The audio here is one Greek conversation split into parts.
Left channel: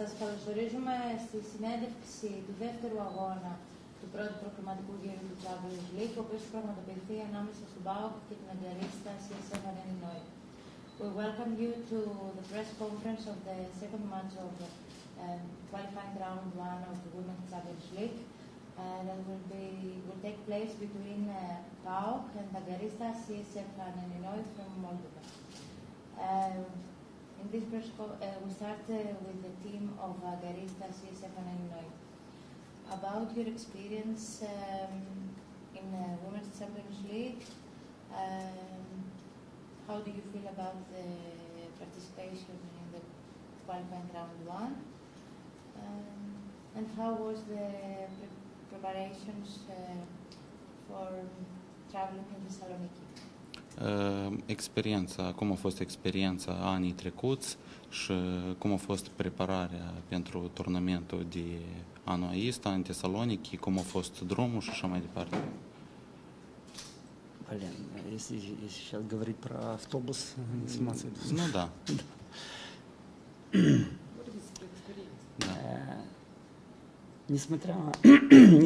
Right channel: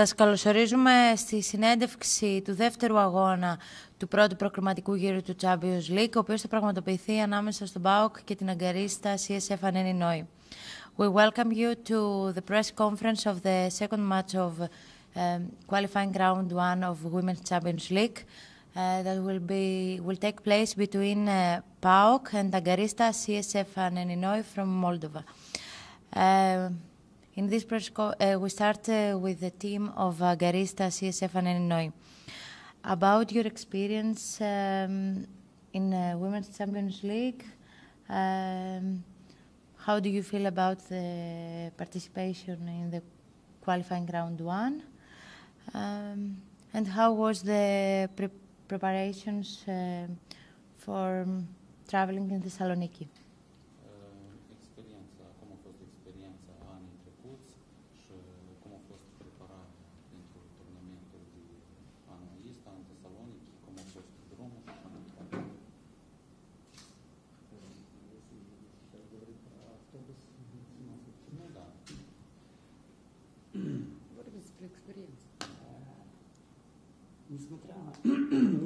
Σας καλωσορίζουμε στη συνέντευξη του δεύτερου αγώνα του πρώτου προκριματικού γύρου του Champions League, ο οποίος θα πραγματοποιηθεί ανάμεσα στον ΠΑΟΚ και την αγκαρίστα CSF Anenii Noi. We welcome you to the press conference of the second match of qualifying round one of Women's Champions League that will take place between PAOK and Agarista CSF Anenii Noi from Moldova. In this press we start with the team of Agarista CSF Anenii Noi. About your experience in Women's Champions League, how do you feel about the participation in the qualifying round one? And how was the preparations for traveling in Thessaloniki? Cum a fost experiența anii trecuți și cum a fost prepararea pentru turnamentul de anul ăsta în Thessaloniki, cum a fost drumul și așa mai departe. Блин, если сейчас говорить про автобус, сниматься. Ну да.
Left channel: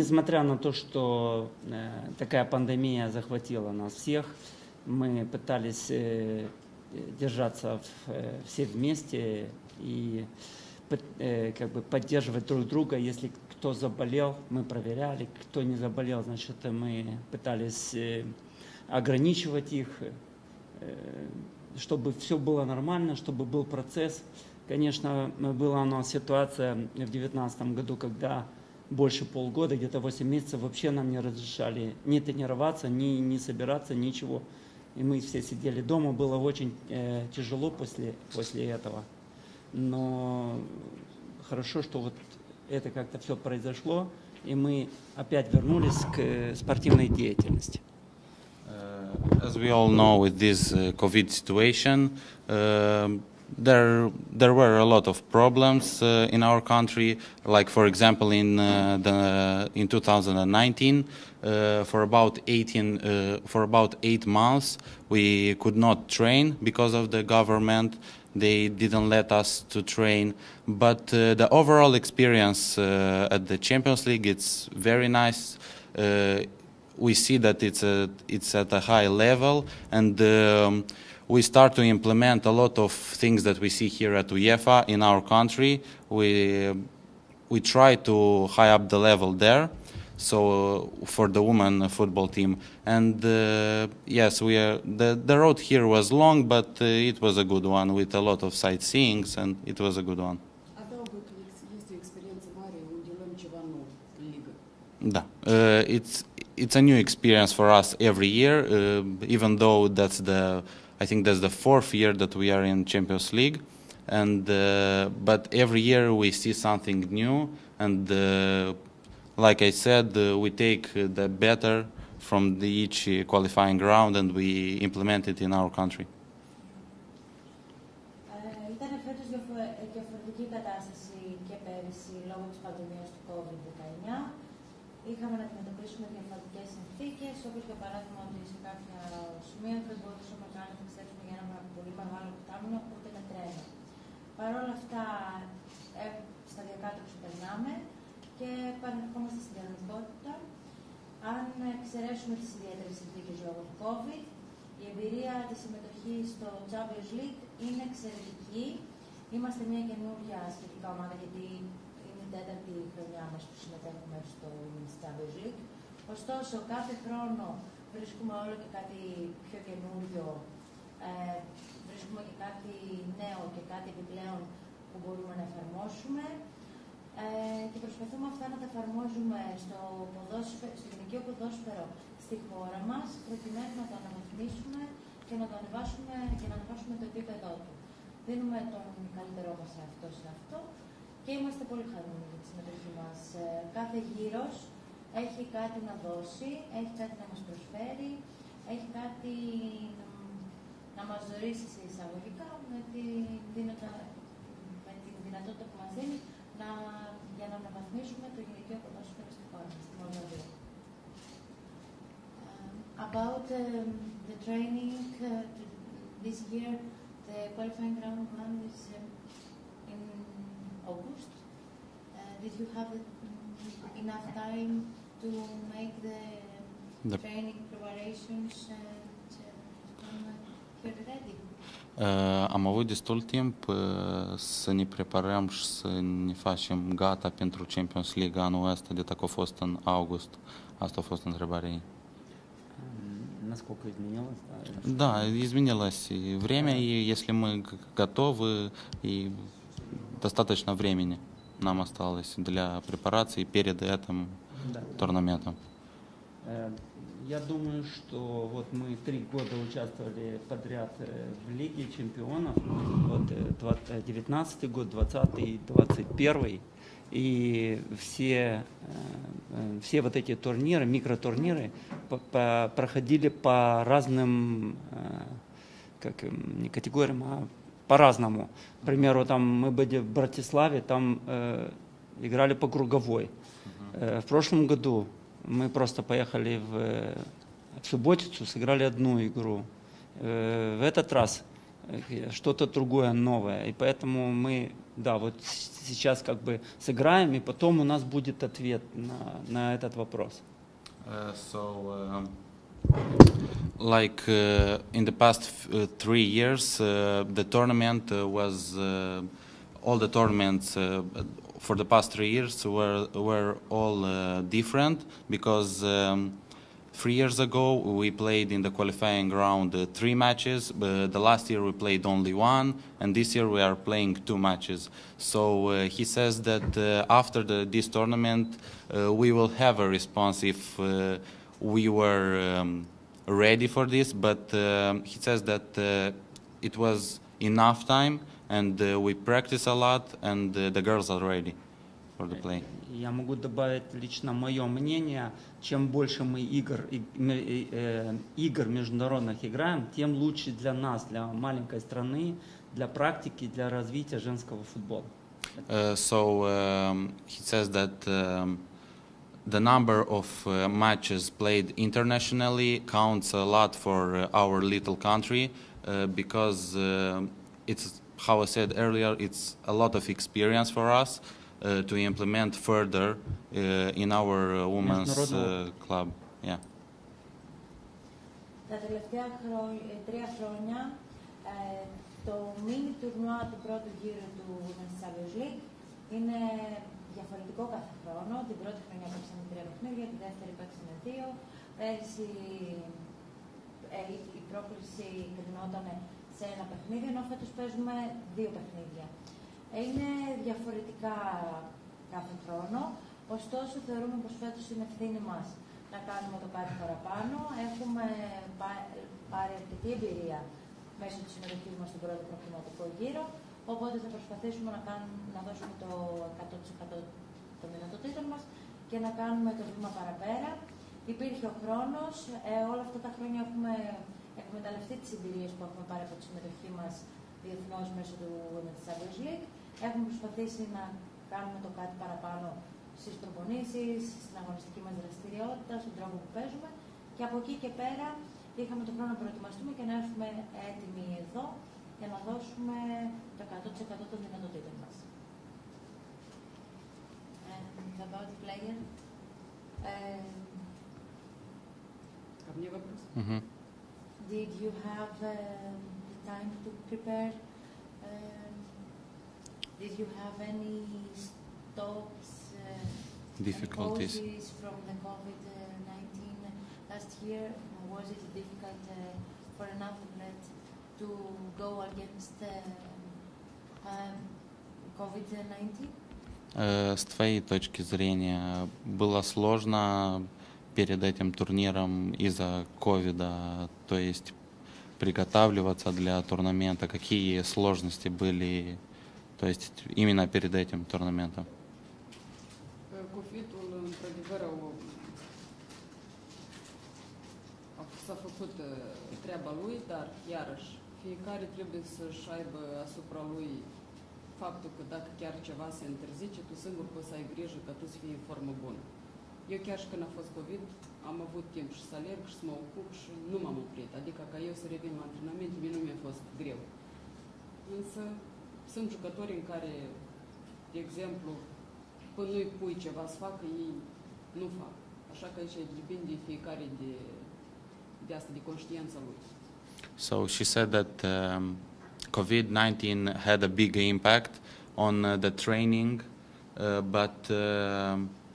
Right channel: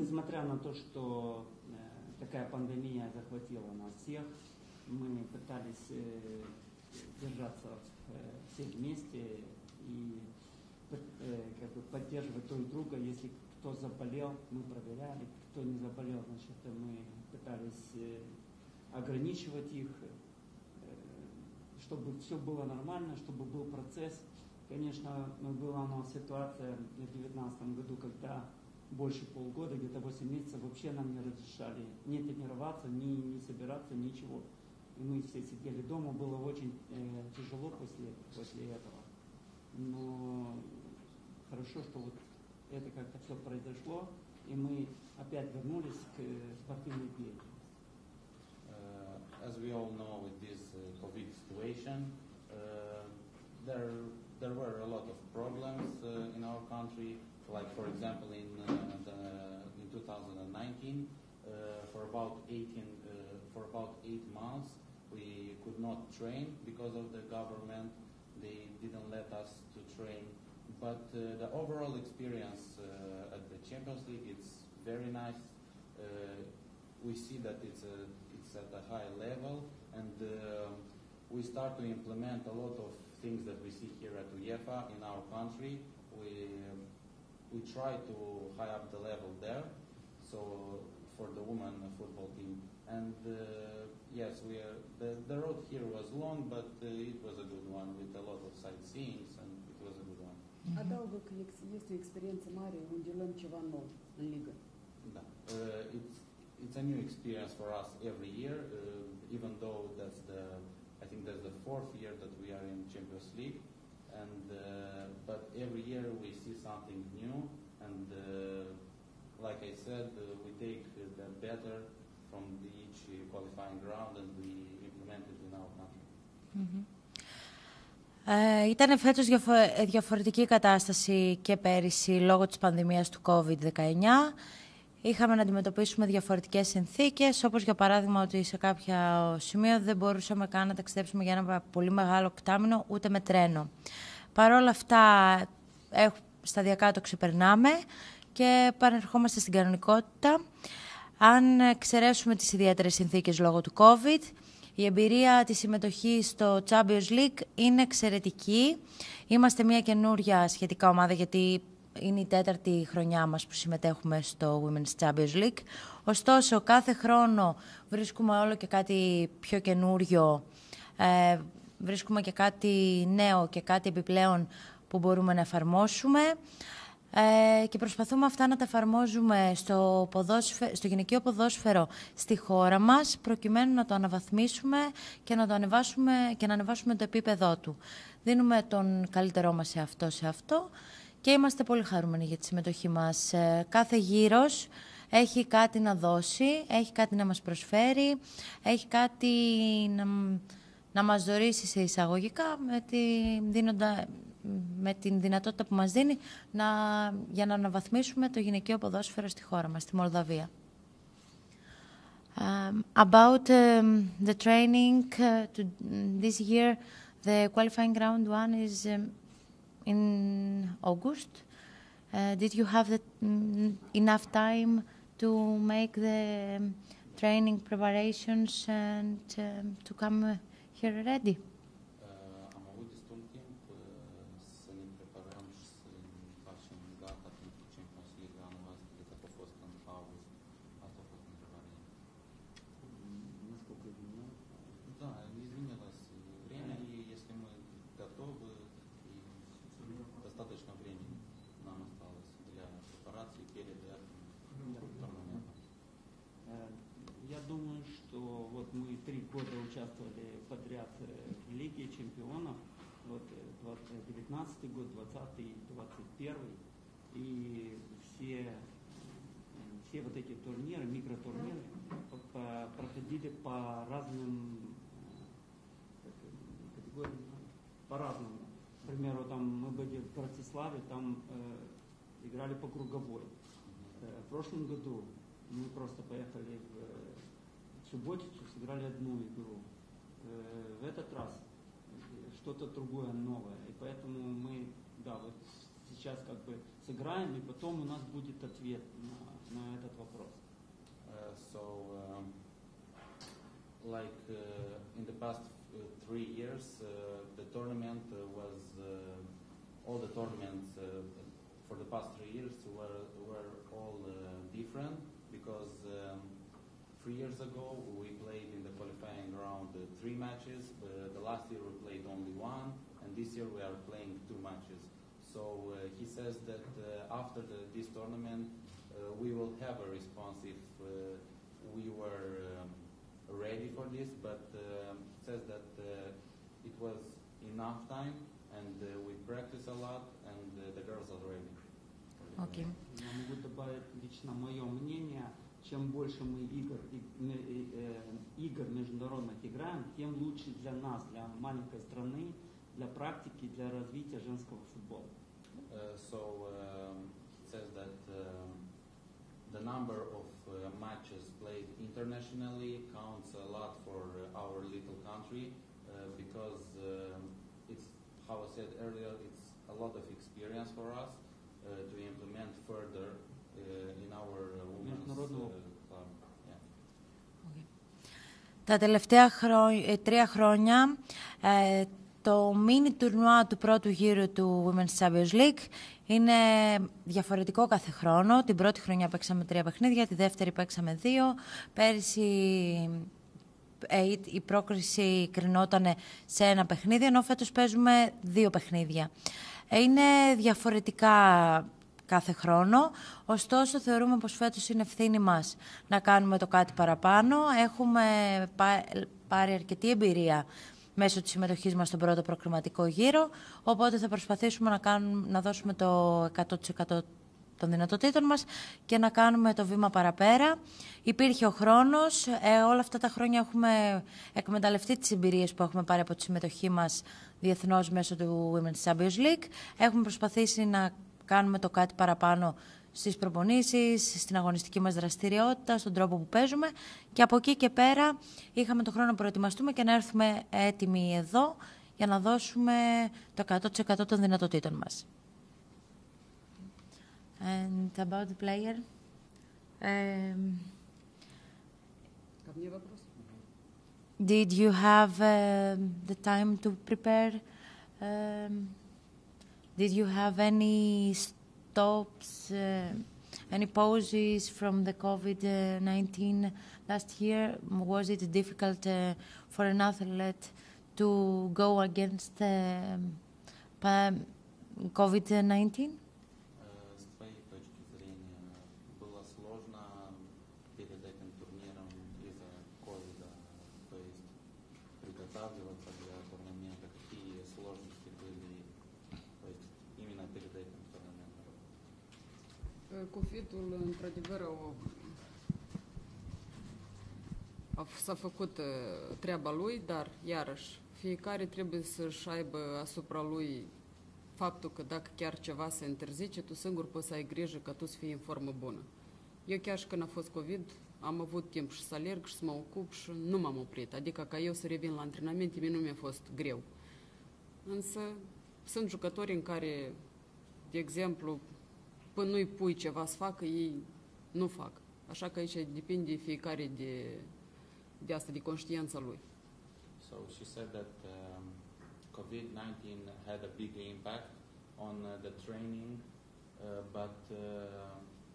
Несмотря на то, что такая пандемия захватила нас всех, мы пытались держаться все вместе и как бы поддерживать друг друга. Если кто заболел, мы проверяли, кто не заболел, значит, мы пытались ограничивать их, чтобы все было нормально, чтобы был процесс. Конечно, была у нас ситуация в 2019 году, когда больше полгода, где-то 8 месяцев вообще нам не разрешали ни тренироваться, ни собираться, ничего. И мы все сидели дома, было очень тяжело после этого. Но хорошо, что вот это как-то все произошло, и мы опять вернулись к спортивной деятельности. As we all know, with this COVID situation, there were a lot of problems in our country. Like, for example, in 2019, for about 8 months, we could not train because of the government. They didn't let us to train. But the overall experience at the Champions League, it's very nice. We see that it's at a high level, and we start to implement a lot of things that we see here at UEFA in our country. We try to high up the level there, so for the women football team. And yes, the road here was long, but it was a good one with a lot of sightseeing, and it was a good one. Да, it's a new experience for us every year, even though I think that's the 4th year that we are in Champions League, and but every year we see something new, and like I said, we take the better from each qualifying round and we implement it in our country. Ήταν φέτος διαφορετική κατάσταση και πέρυσι λόγω της πανδημίας του COVID-19. Είχαμε να αντιμετωπίσουμε διαφορετικές συνθήκες, όπως για παράδειγμα ότι σε κάποιο σημείο δεν μπορούσαμε καν να ταξιδέψουμε για ένα πολύ μεγάλο οκτάμινο ούτε με τρένο. Παρ' όλα αυτά, σταδιακά το ξεπερνάμε και επανερχόμαστε στην κανονικότητα. Αν εξαιρέσουμε τις ιδιαίτερες συνθήκες λόγω του COVID, η εμπειρία της συμμετοχής στο Champions League είναι εξαιρετική. Είμαστε μια καινούρια σχετικά ομάδα, γιατί είναι η 4η χρονιά μας που συμμετέχουμε στο Women's Champions League. Ωστόσο, κάθε χρόνο βρίσκουμε όλο και κάτι πιο καινούριο, βρίσκουμε και κάτι νέο και κάτι επιπλέον που μπορούμε να εφαρμόσουμε και προσπαθούμε αυτά να τα εφαρμόζουμε στο γυναικείο ποδόσφαιρο στη χώρα μας, προκειμένου να το αναβαθμίσουμε και να το ανεβάσουμε και να ανεβάσουμε το επίπεδό του. Δίνουμε τον καλύτερό μας σε αυτό και είμαστε πολύ χαρούμενοι για τη συμμετοχή μας. Κάθε γύρος έχει κάτι να δώσει, έχει κάτι να μας προσφέρει, έχει κάτι να μας δωρήσει σε εισαγωγικά με την δυνατότητα που μας δίνει για να αναβαθμίσουμε το γυναικείο ποδόσφαιρο στη χώρα μας, στη Μολδαβία. About the training this year, the qualifying round one is in August. Did you have enough time to make the training preparations and to come here ready? Am avut destul timp să ne preparăm și să ne facem gata pentru Champions League anul ăsta, de dacă a fost în august. Asta a fost întrebarea ei. Насколько изменилось? Да, изменилось время, и если мы готовы, и достаточно времени нам осталось для препарации перед этим турнаментом. Я думаю, что вот мы 3 года участвовали подряд в Лиге чемпионов, вот 19 год, 20 и 21, и все вот эти турниры, микротурниры проходили по разным категориям, а по-разному. К примеру, там мы были в Братиславе, там играли по круговой. В прошлом году мы просто поехали в Субботицу, сыграли одну игру. В этот раз что-то другое, новое. И поэтому мы, да, вот сейчас как бы сыграем, и потом у нас будет ответ на этот вопрос. Like in the past 3 years, the tournament was all the tournaments for the past 3 years were all different, because 3 years ago we played in the qualifying round 3 matches, but the last year we played only 1, and this year we are playing 2 matches. So he says that after this tournament we will have a response if we were ready for this, but he says that it was enough time, and we practice a lot, and the girls are ready for the play. Я могу добавить лично мое мнение. Чем больше мы игр международных играем, тем лучше для нас, для маленькой страны, для практики, для развития женского футбола. He says that the number of matches played internationally counts a lot for our little country, because it's, how I said earlier, it's a lot of experience for us to implement further in our women's club. Yeah. Τα τελευταία 3 χρόνια το mini τουρνουά του πρώτου γύρου του Women's Champions League είναι διαφορετικό κάθε χρόνο. Την πρώτη χρονιά παίξαμε 3 παιχνίδια, τη δεύτερη παίξαμε 2. Πέρυσι η πρόκριση κρινόταν σε 1 παιχνίδι, ενώ φέτος παίζουμε 2 παιχνίδια. Είναι διαφορετικά κάθε χρόνο, ωστόσο θεωρούμε πως φέτος είναι ευθύνη μας να κάνουμε το κάτι παραπάνω. Έχουμε πάρει αρκετή εμπειρία μέσω της συμμετοχής μας στον πρώτο προκριματικό γύρο, οπότε θα προσπαθήσουμε να δώσουμε το 100% των δυνατοτήτων μας και να κάνουμε το βήμα παραπέρα. Υπήρχε ο χρόνος, όλα αυτά τα χρόνια έχουμε εκμεταλλευτεί τις εμπειρίες που έχουμε πάρει από τη συμμετοχή μας διεθνώς μέσω του Women's Champions League. Έχουμε προσπαθήσει να κάνουμε το κάτι παραπάνω στις προπονήσεις, στην αγωνιστική μας δραστηριότητα, στον τρόπο που παίζουμε, και από εκεί και πέρα είχαμε τον χρόνο να προετοιμαστούμε και να έρθουμε έτοιμοι εδώ για να δώσουμε το 100% των δυνατοτήτων μας. And about the player, did you have the time to prepare? Did you have any stops, any pauses from the COVID-19 last year? Was it difficult for an athlete to go against COVID-19? С твоей точки зрения, было сложно перед этим турниром из-за ковида, то есть приготавливаться для турнамента? Какие сложности были, то есть именно перед этим турнаментом? COVID-ul, într-adevăr, s-a făcut treaba lui, dar, iarăși, fiecare trebuie să-și aibă asupra lui faptul că dacă chiar ceva se interzice, tu singur poți să ai grijă ca tu să fii în formă bună. Eu chiar și când a fost COVID, am avut timp și să alerg și să mă ocup și nu m-am oprit. Adică ca eu să revin la antrenamente, mie nu mi-a fost greu. Însă sunt jucători în care, de exemplu, până nu-i pui ceva să facă, ei nu fac. Așa că aici depinde fiecare de asta, de conștiința lui. So she said that COVID-19 had a big impact on the training, but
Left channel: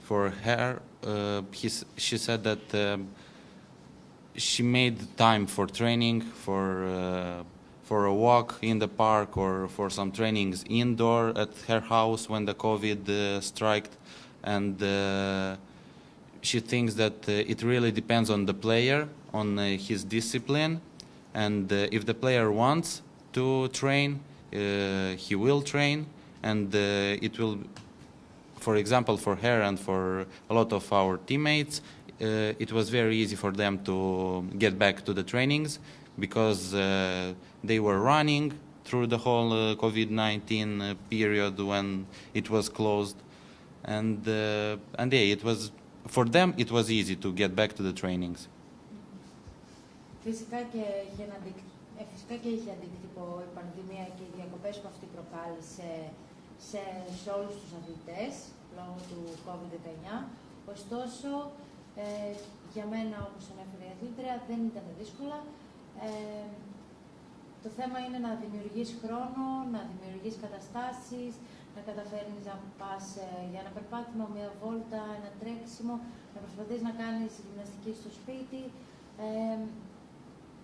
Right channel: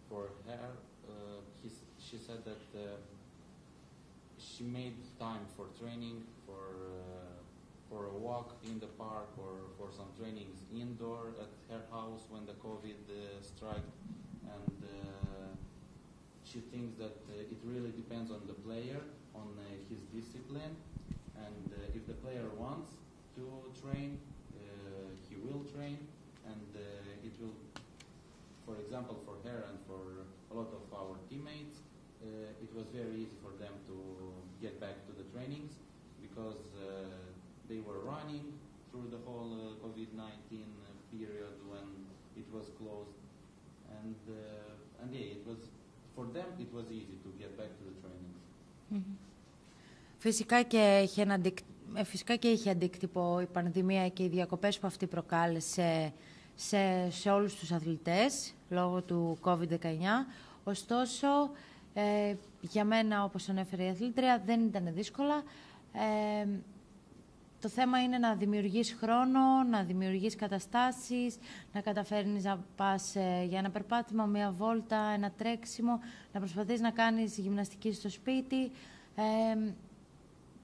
for her, she said that she made time for training, for a walk in the park, or for some trainings indoor at her house when the COVID struck, and she thinks that it really depends on the player, on his discipline, and if the player wants to train, he will train, and it will, for example, for her and for a lot of our teammates, it was very easy for them to get back to the trainings because they were running through the whole COVID-19 period when it was closed, and yeah, it was, for them it was easy to get back to the trainings. Φυσικά και είχε αντίκτυπο η πανδημία και οι διακοπές που αυτή προκάλεσε σε όλους τους αθλητές λόγω του COVID-19. Ωστόσο, για μένα, όπως ανέφερε η αθλήτρια, δεν ήταν δύσκολα. Το θέμα είναι να δημιουργείς χρόνο, να δημιουργείς καταστάσεις, να καταφέρνεις να πας για ένα περπάτημα, μια βόλτα, ένα τρέξιμο, να προσπαθείς να κάνεις γυμναστική στο σπίτι.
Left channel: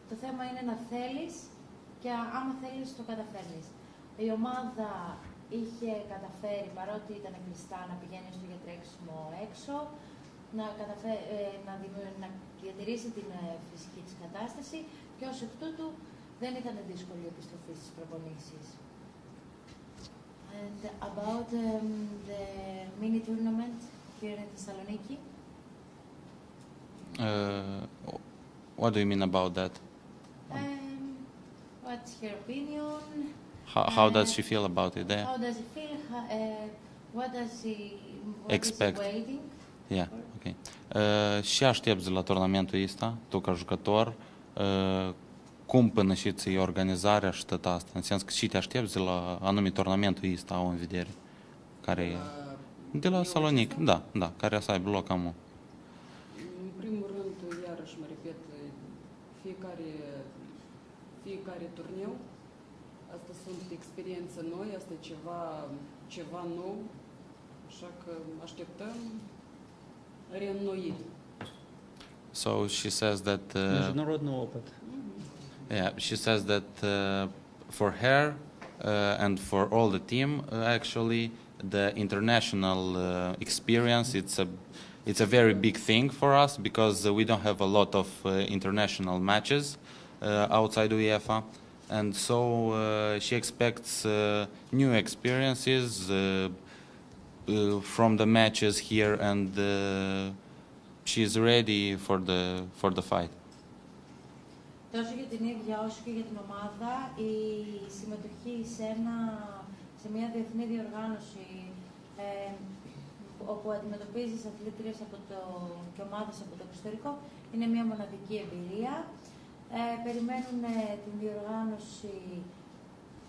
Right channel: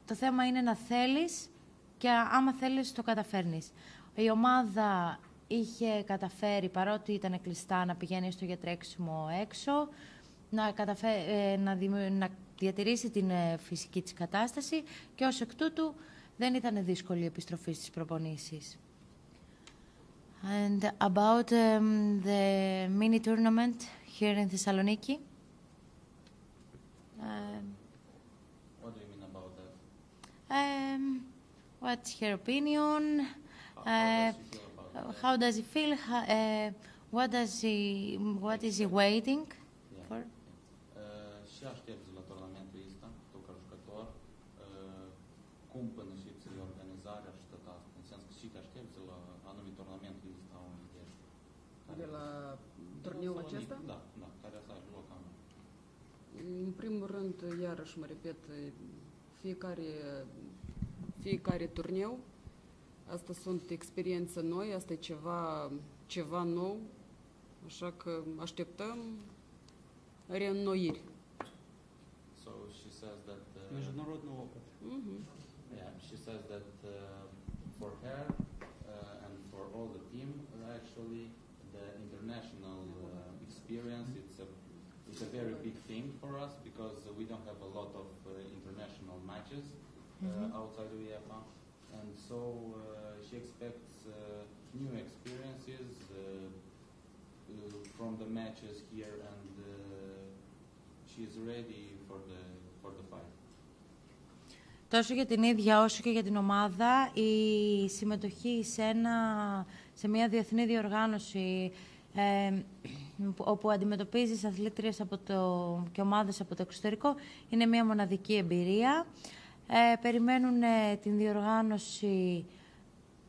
Το θέμα είναι να θέλεις και άμα θέλεις το καταφέρνεις. Η ομάδα είχε καταφέρει, παρότι ήταν κλειστά, να πηγαίνει στο για τρέξιμο έξω, να διατηρήσει την φυσική της κατάσταση και ως εκ τούτου δεν ήταν δύσκολη η επιστροφή στις προπονήσεις. And about the mini tournament here in Thessaloniki? What do you mean about that? What's her opinion? How does she feel about it there? How does he feel? What is he waiting? Yeah, okay. Și aștepți la turnamentul ăsta, tu ca jucător, cum până și ți organizarea și tot asta? În sens că și te aștepți la anume turnamentul ăsta au în vedere? Care de la Salonic, da, care să aibă loc acum. În primul rând, iarăși mă repet, fiecare turneu, asta sunt experiențe noi, asta e ceva nou, așa că așteptăm reînnoiri. So she says that yeah, she says that for her and for all the team, actually, the international experience, it's a very big thing for us because we don't have a lot of international matches outside UEFA, and so she expects new experiences from the matches here, and she's ready for the fight. Τόσο για την ίδια όσο και για την ομάδα, η συμμετοχή σε μια διεθνή διοργάνωση όπου αντιμετωπίζεις αθλήτριες και ομάδες από το εξωτερικό είναι μια μοναδική εμπειρία. Περιμένουν την διοργάνωση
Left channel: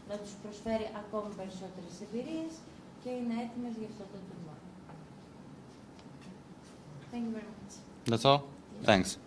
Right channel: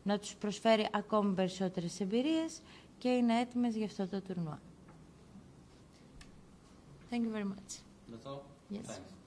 να τους προσφέρει ακόμη περισσότερες εμπειρίες και είναι έτοιμες για αυτό το τουρνουά. Thank you very much. That's all? Yes. Thanks.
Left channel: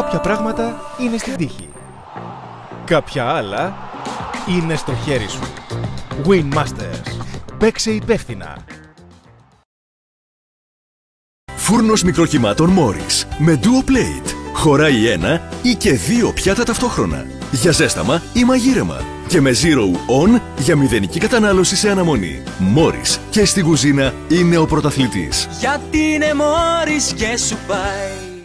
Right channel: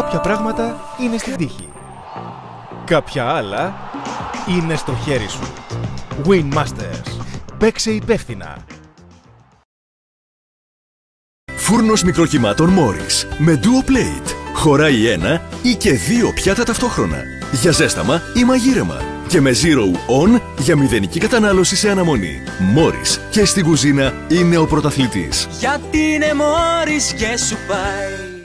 Κάποια πράγματα είναι στην τύχη. Κάποια άλλα είναι στο χέρι σου. Win Masters. Παίξε υπεύθυνα. Φούρνος μικροκυμάτων Morris με Duo Plate. Χωράει ένα ή και δύο πιάτα ταυτόχρονα. Για ζέσταμα ή μαγείρεμα. Και με Zero On για μηδενική κατανάλωση σε αναμονή. Morris και στην κουζίνα είναι ο πρωταθλητής. Γιατί είναι Morris και σου πάει.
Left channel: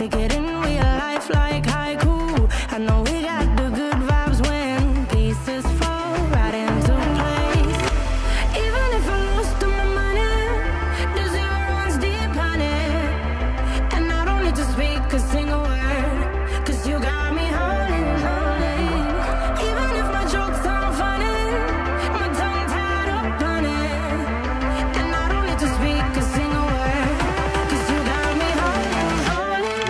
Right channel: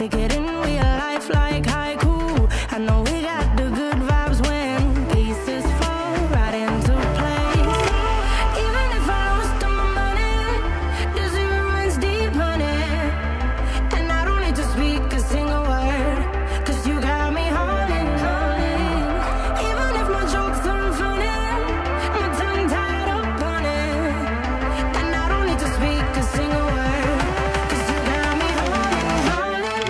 Take it in real life like haiku. I know we got the good vibes when pieces fall right into place. Even if I lost all my money, the zero runs deep, honey. And I don't need to speak a single word, 'cause you got me holding, holding. Even if my jokes aren't funny, my tongue tied up on it. And I don't need to speak a single word, 'cause you got me holding, holding.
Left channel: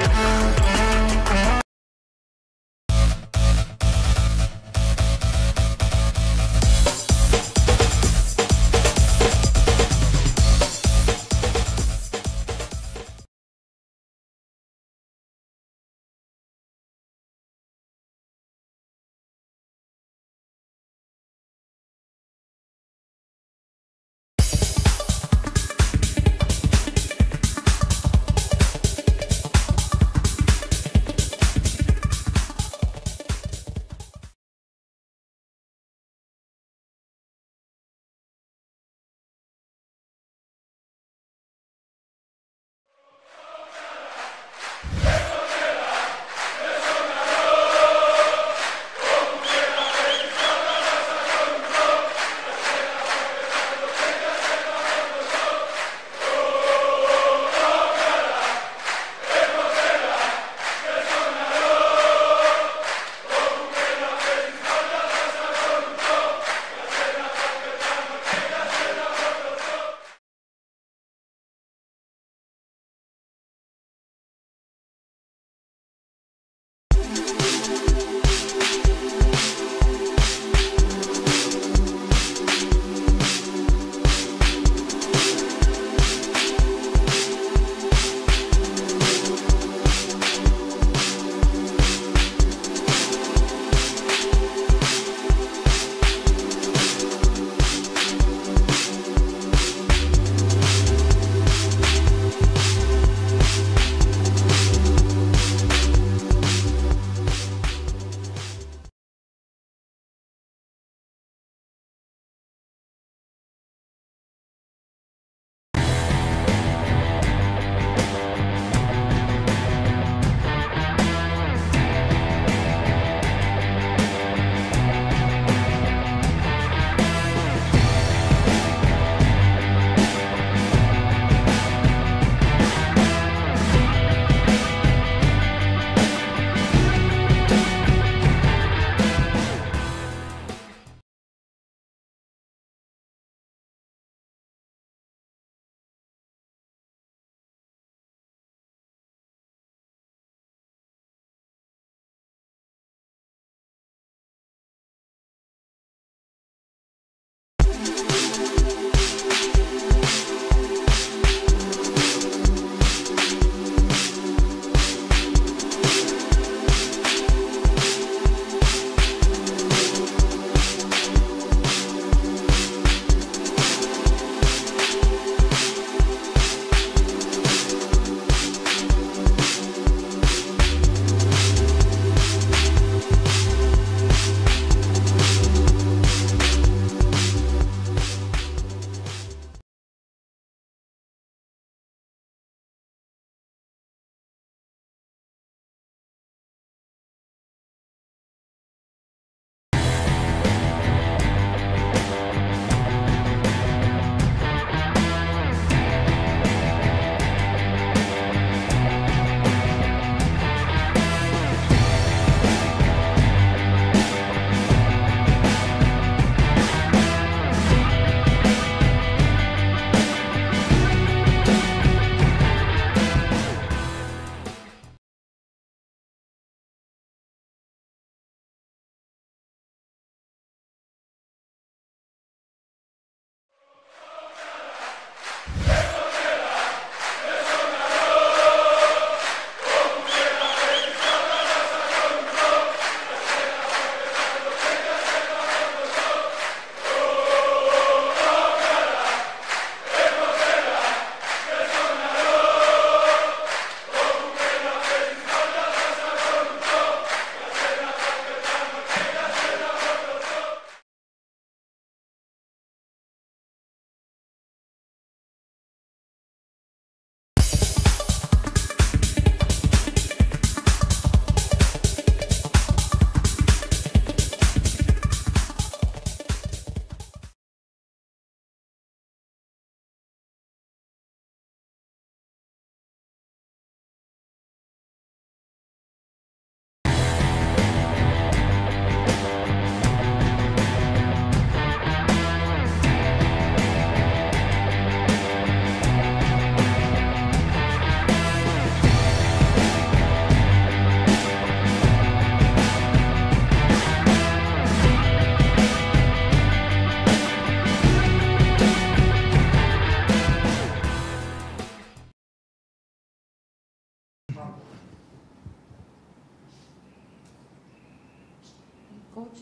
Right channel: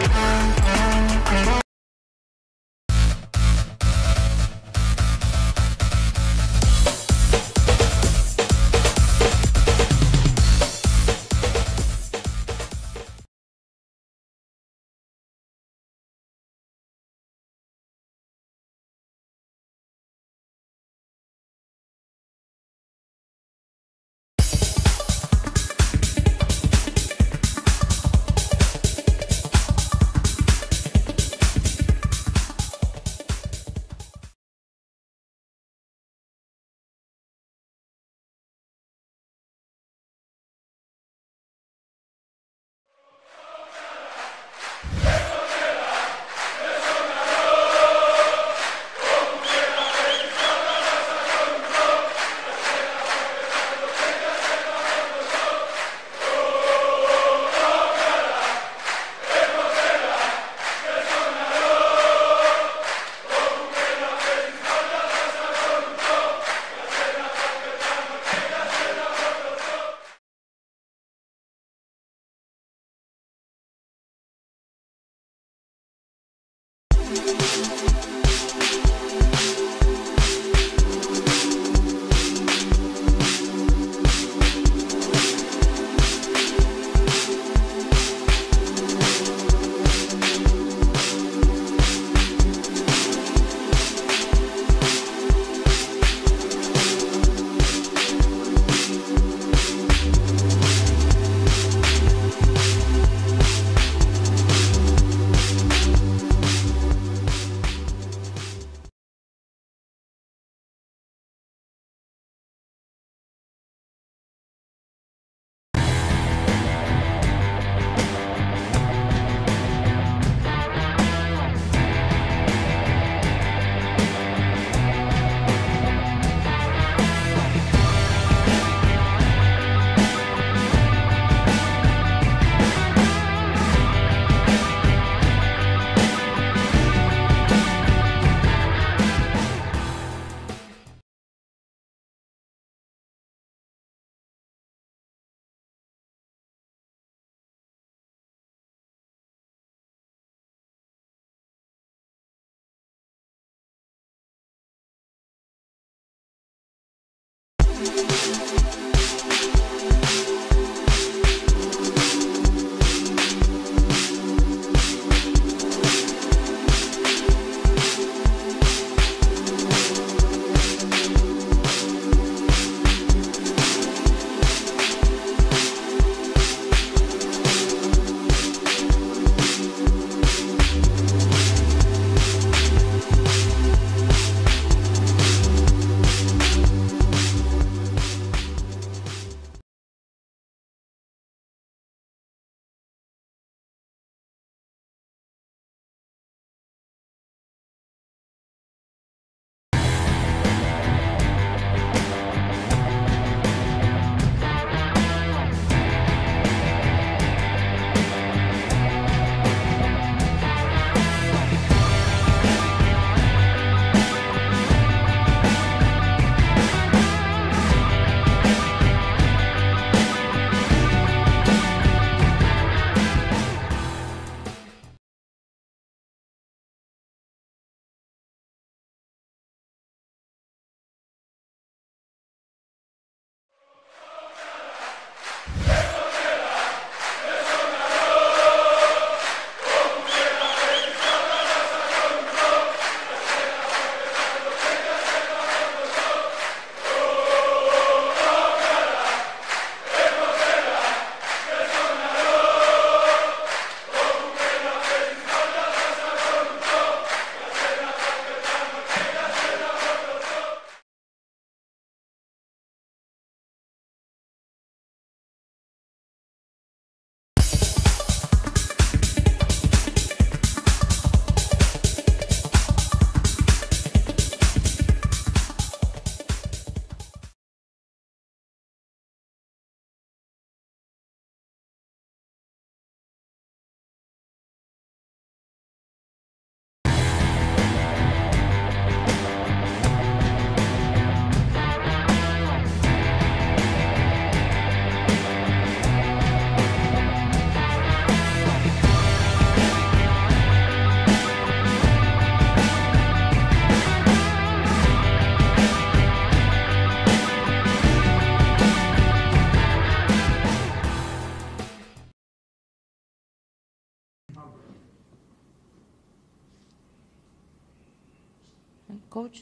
Coach?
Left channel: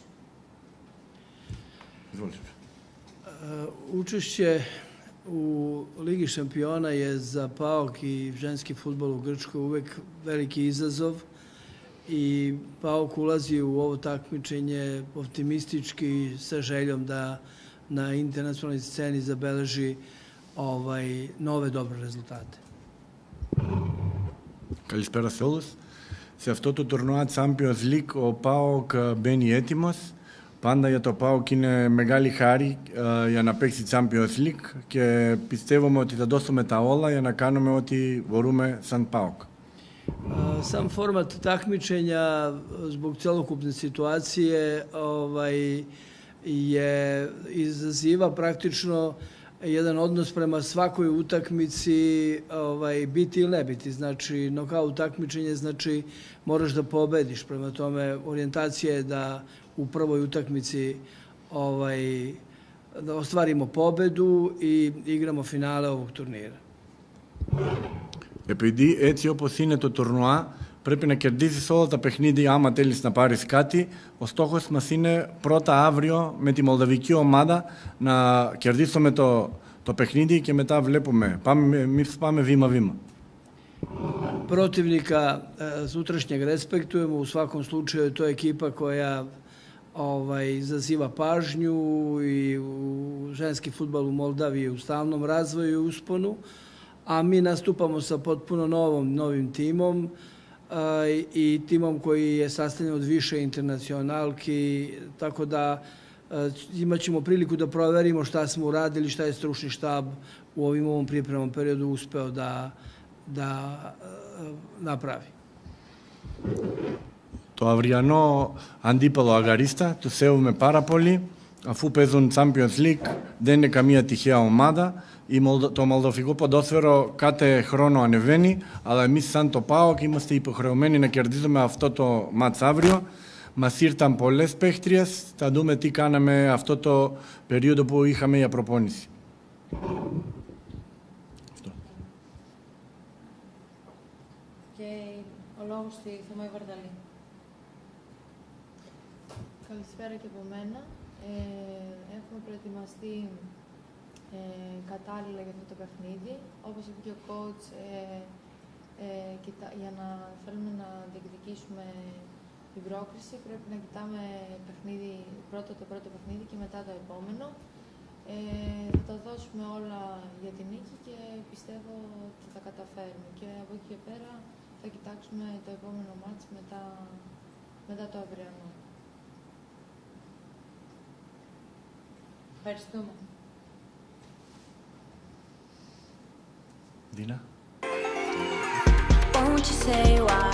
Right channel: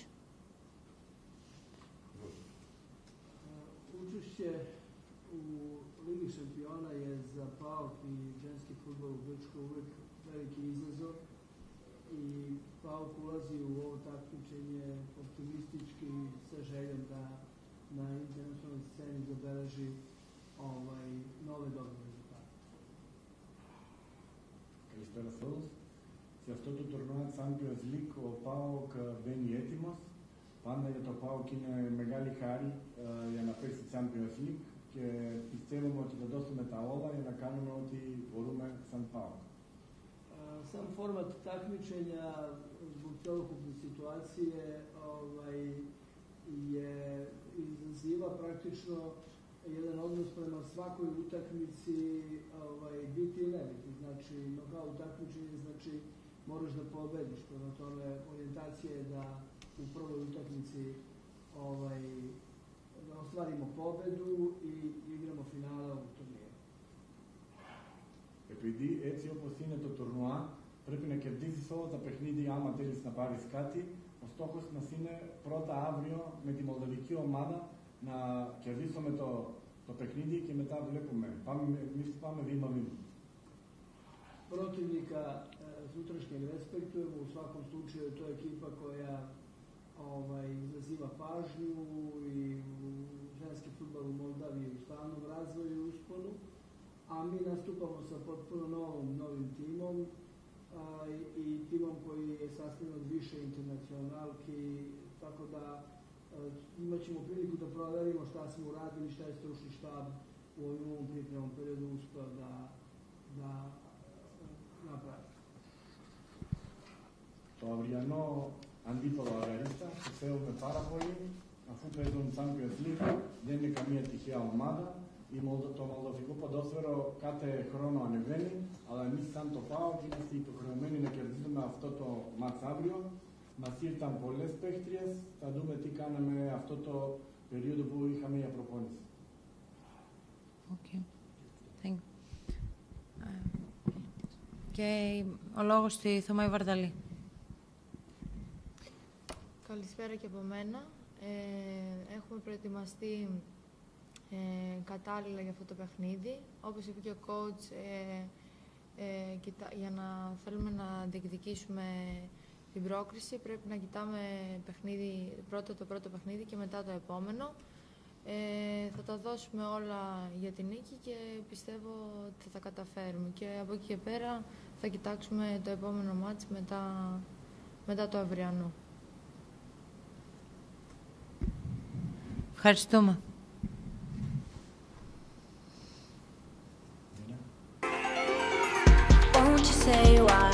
Učešće u Ligi šampiona je za PAOK i ženski fudbal u Grčkoj uvek veliki izazov i PAOK ulazi u ovo takmičenje optimistički sa željom da na internacionalnoj sceni zabeleži nove dobre rezultate. Καλησπέρα σε όλους. Σε αυτό το τουρνουά Champions League ο ΠΑΟΚ μπαίνει έτοιμος. Πάντα για το ΠΑΟΚ είναι μεγάλη χάρη για να παίξει Champions League και πιστεύουμε ότι θα δώσουμε τα όλα για να κάνουμε ό,τι μπορούμε σαν ΠΑΟΚ. Sam format takmičenja zbog celokupne situacije izaziva praktično jedan odnos prema svakoj utakmici, biti ili ne biti. Znači, nokaut takmičenje znači moraš da pobediš. Prema tome, orijentacija je da u prvoj utakmici da ostvarimo pobedu i igramo finale ovog turnira. Επειδή έτσι όπως είναι το τουρνουά, πρέπει να κερδίσεις όλα τα παιχνίδια άμα θέλεις να πάρεις κάτι. Ο στόχος μας είναι πρώτα αύριο με τη μολδαβική ομάδα να κερδίσουμε το παιχνίδι και μετά βλέπουμε. Εμείς πάμε βήμα-βήμα. Protivnika sutrašnjeg respektujemo, u svakom slučaju to je ekipa koja izaziva pažnju i u ženski fudbal u Moldaviji u stalnom razvoju i usponu, a mi nastupamo sa potpuno novim timom i timom koji je sastavljen od više internacionalki, tako da imat ćemo priliku da proverimo šta smo uradili, šta je stručni štab u ovom pripremnom periodu uspeo da napravi. Το αυριανό αντίπαλο Αγαρίστα του σέβομαι πάρα πολύ. Αφού παίζουν Champions League δεν είναι καμία τυχαία ομάδα. Το μολδοβικό ποδόσφαιρο κάθε χρόνο ανεβαίνει, αλλά εμείς σαν το ΠΑΟΚ είμαστε υποχρεωμένοι να κερδίσουμε αυτό το μάτς αύριο. Μας ήρθαν πολλές παίχτριες. Θα δούμε τι κάναμε αυτό το περίοδο που είχαμε για προπόνηση. Και ο λόγος στη Θωμάη Βαρδαλή. Καλησπέρα και από μένα. Έχουμε προετοιμαστεί κατάλληλα για αυτό το παιχνίδι. Όπως είπε και ο coach, για να θέλουμε να διεκδικήσουμε την πρόκριση, πρέπει να κοιτάμε το πρώτο παιχνίδι και μετά το επόμενο. Θα τα δώσουμε όλα για την νίκη και πιστεύω ότι θα τα καταφέρουμε. Και από εκεί και πέρα θα κοιτάξουμε το επόμενο μάτς μετά το αυριανό. Ευχαριστούμε. Won't you say why